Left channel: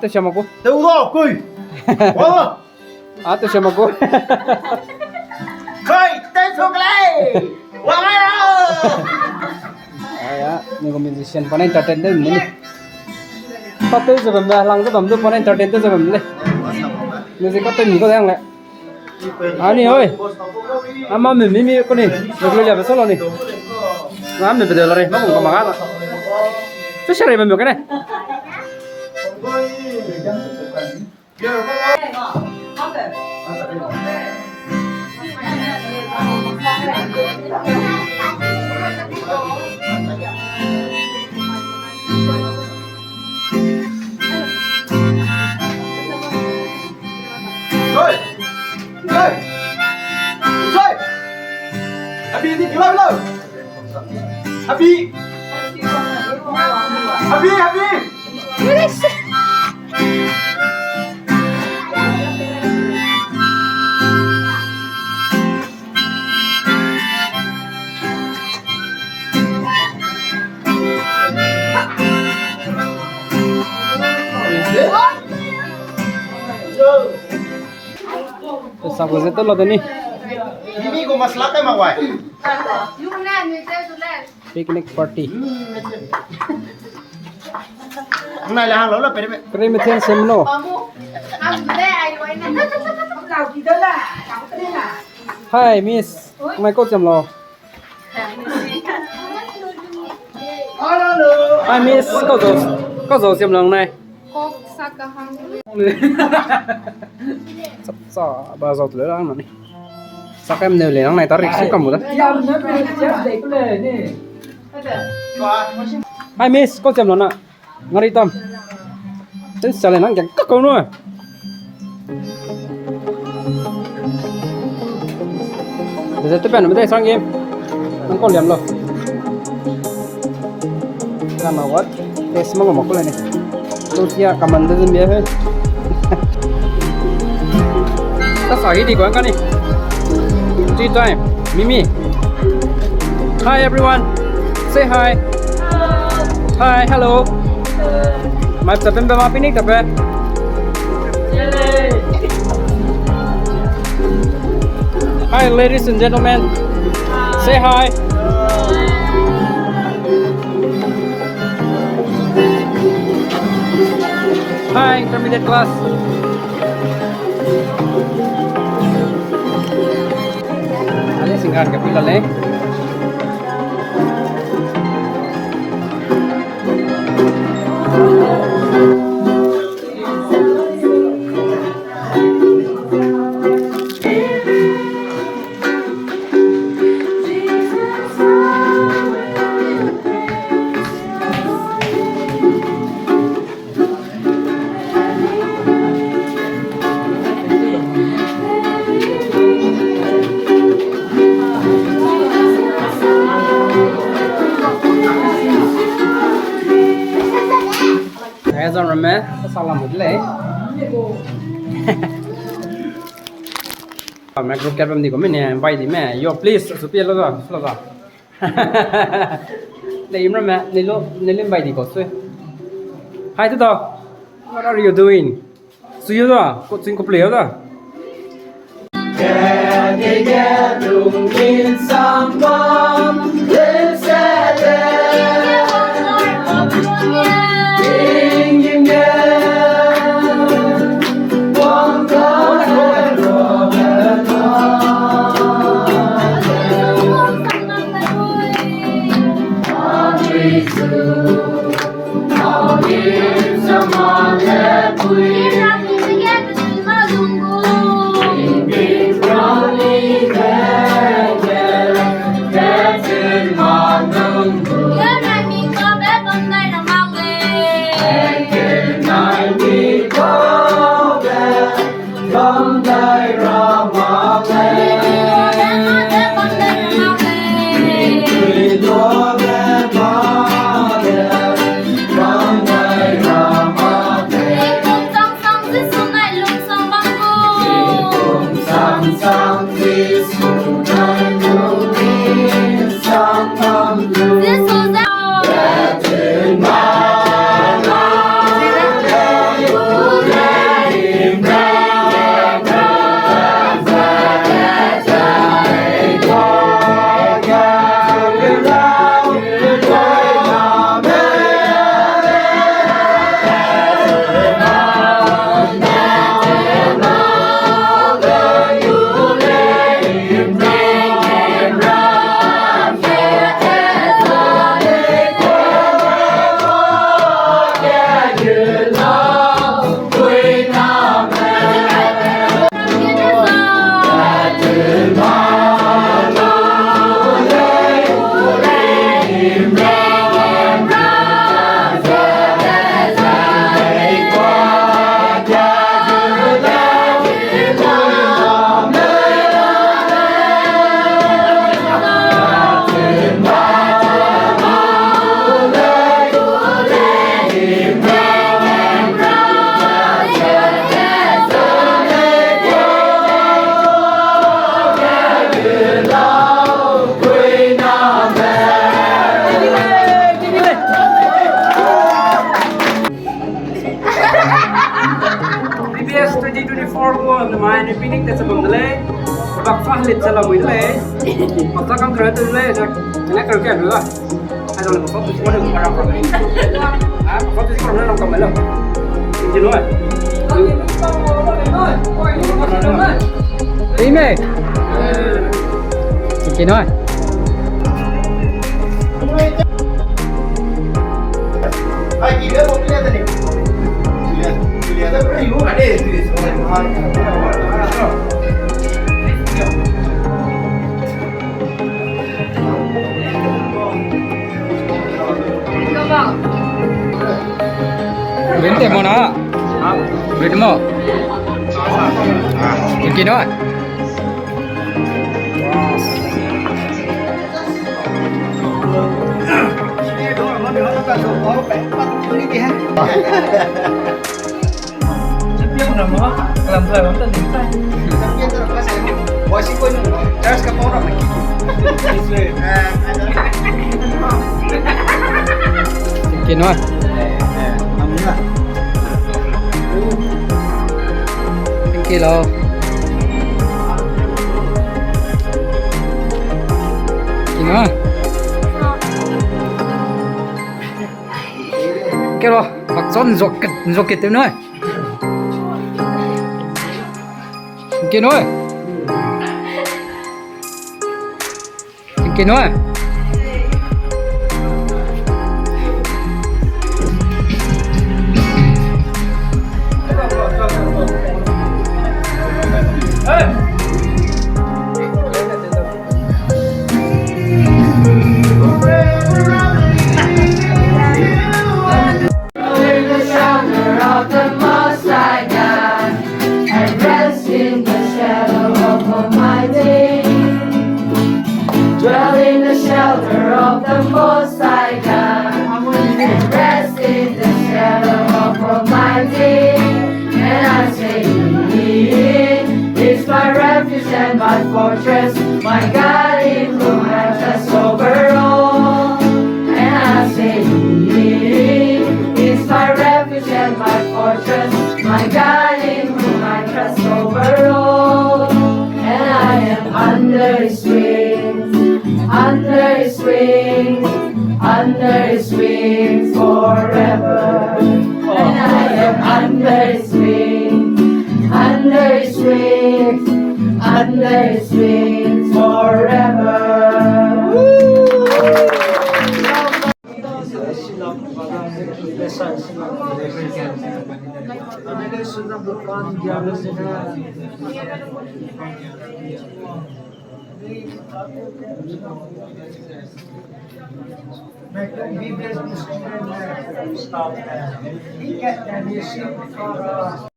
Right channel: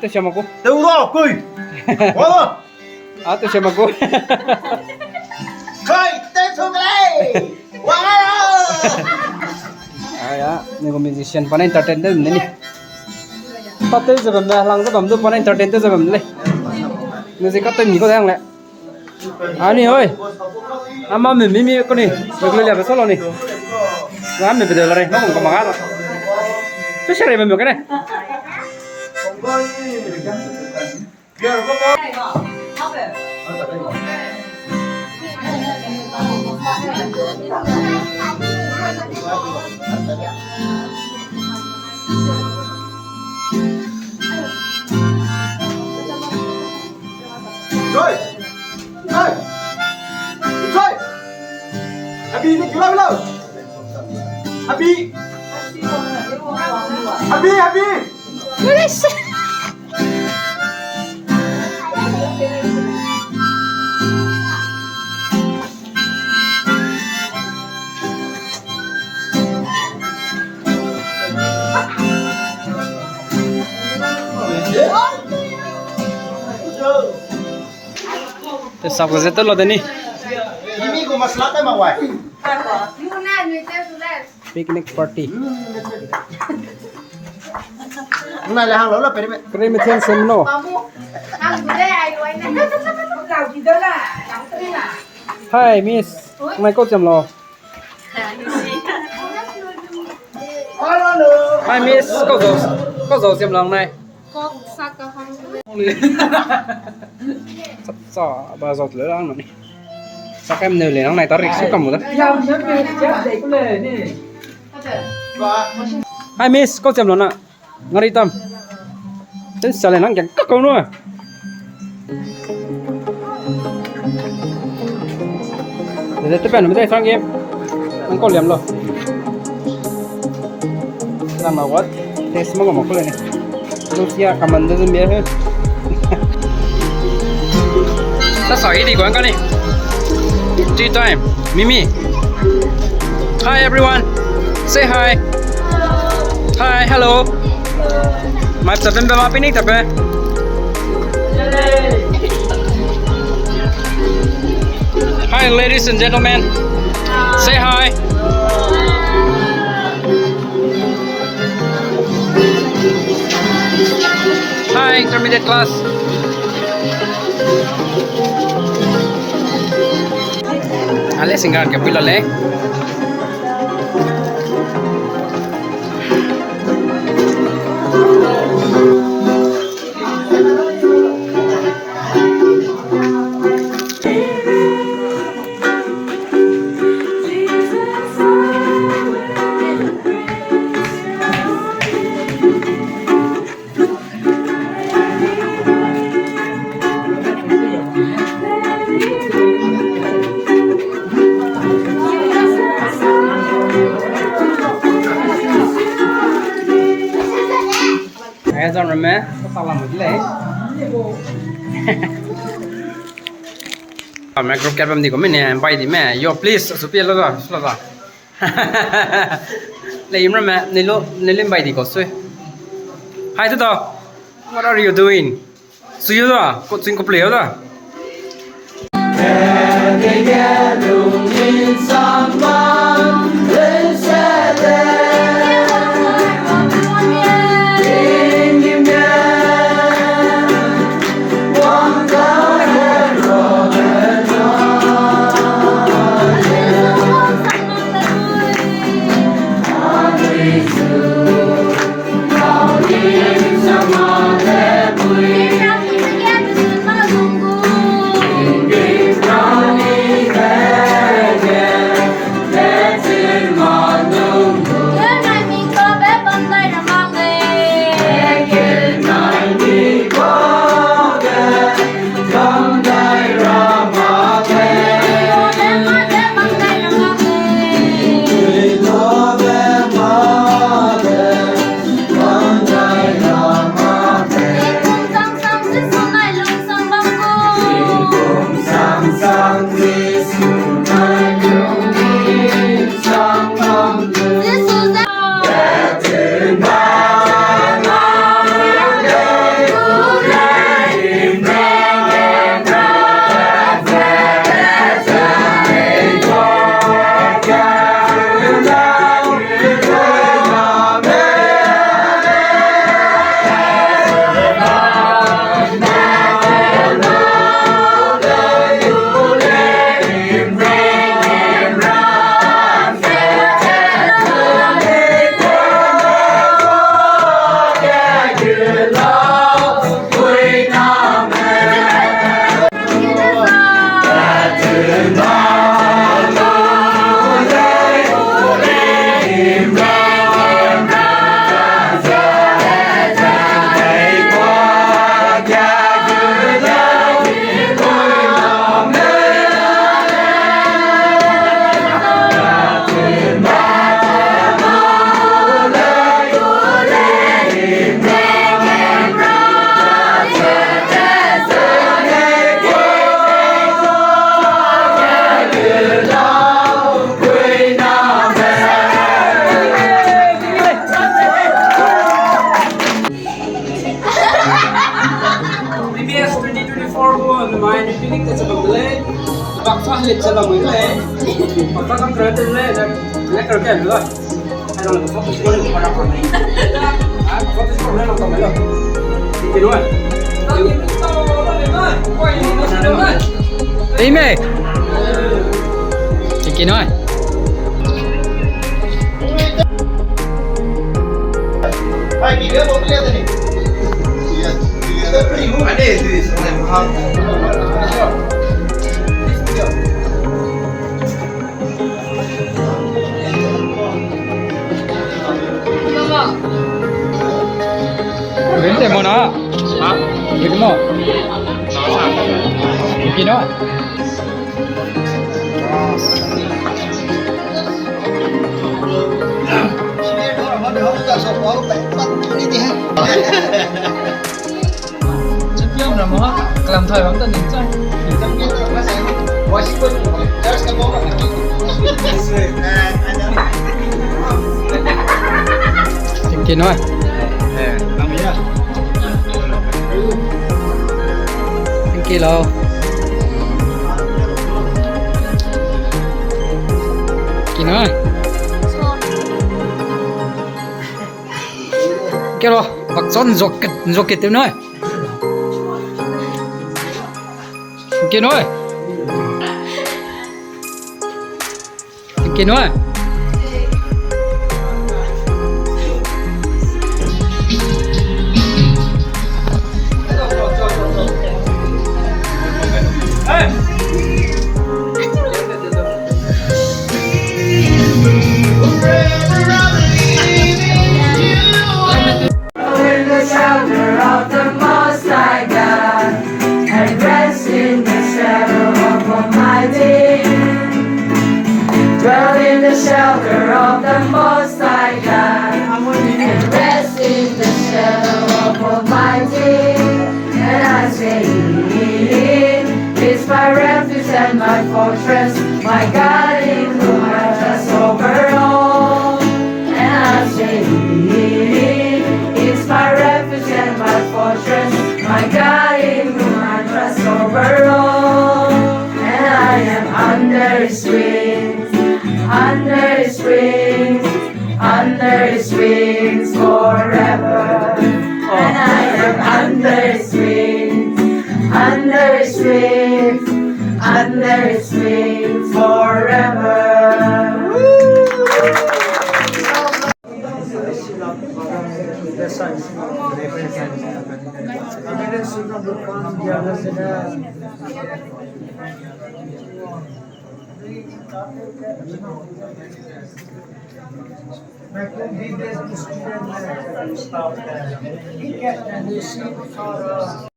tôi xem mà cô đâu đó cười tôi xem mà cô khơi tên thuộc lại wow ya ini ko musician pan entertain deh ini tapi sebelum lang sebelum tu pan entertain tu sebelum le music kau tu ni kau yang le ani oi ama mimi ko ni beglo ya besolo ni Mami betul lari, mau ngomong apa? Itu siapa yang membuat ini? Abi itu gila. Abi. Yes. Thế sao cái rất là thế này? Ini gua masalah tema wai. Picnic party. Này là hàng lớn là phải đấy. Cái này thiên xem nó. Hi Miss, mai cô chăm lo. Hi Miss, có dầu xem lòng này. Sao bà dầu tới đó này? Sao em nêu lên này ta rịch xuống cầm một đấy. Hi Miss, có chăm lo nè. Ngari tâm. Đến giờ lên chẳng có câu nữa. Để tiếp bên nó mới sang game. Nó có liềm rồi. Làm mà what? Test mà một cái này. Lucia cầm mình đến bia hết. Ta sỏi đi quán cái này. Tea time. Mimi. Hi everyone. Say hi. Hi, hello. Mai tập bên bên picnic tập về. Hi ladies and gentlemen. Say hi. Hi intermediate class. Ale singkaran kapila le. Ra rồi mẹ, sao làm một cái lễ? Mẹ group chat bên đi của mình nè, bay đi mẹ, yo please, số tiền rồi, lấy im rồi mẹ, nên lên bay đi có xuôi. Hi tụi what are you doing? Suy rồi, có chuyện có play rồi. ngày mai nên picnic tại sao bấm lên bạc phát liệt cho lòng mình lên bạc phát cam khởi từ lên này nhắc rồi kẹt nữa hay là bạc phát từ con đường mà đọc rồi bạc phát từ con đường làm cầm mấy lần chị nói tí mày chị nói Ay, gila mau lihat tadi. Lihat. Ribu ada di sana. Vente mo na. Ha? Vente mo. Chị nói Mà được không có số có phải bắt như thế hả? chắc biết là nó làm thời bấm tân đến tranh Chắc biết là nó sai không? Bỏ xí con nhưng mà chắc cái món là mình kịp. chị nói Làm gì mà? thank you lo chị nói cái đó bạc son ruột kịch tiếng nói kia nói kia nói my fortress, my God in whom I trust over all. And I say, He's my refuge and my fortress, my God in whom I trust over all. And I am under His wings, under His wings, under His wings forever. And I am under His wings, under His wings, under His wings forever. VBS student stop there. He get and you see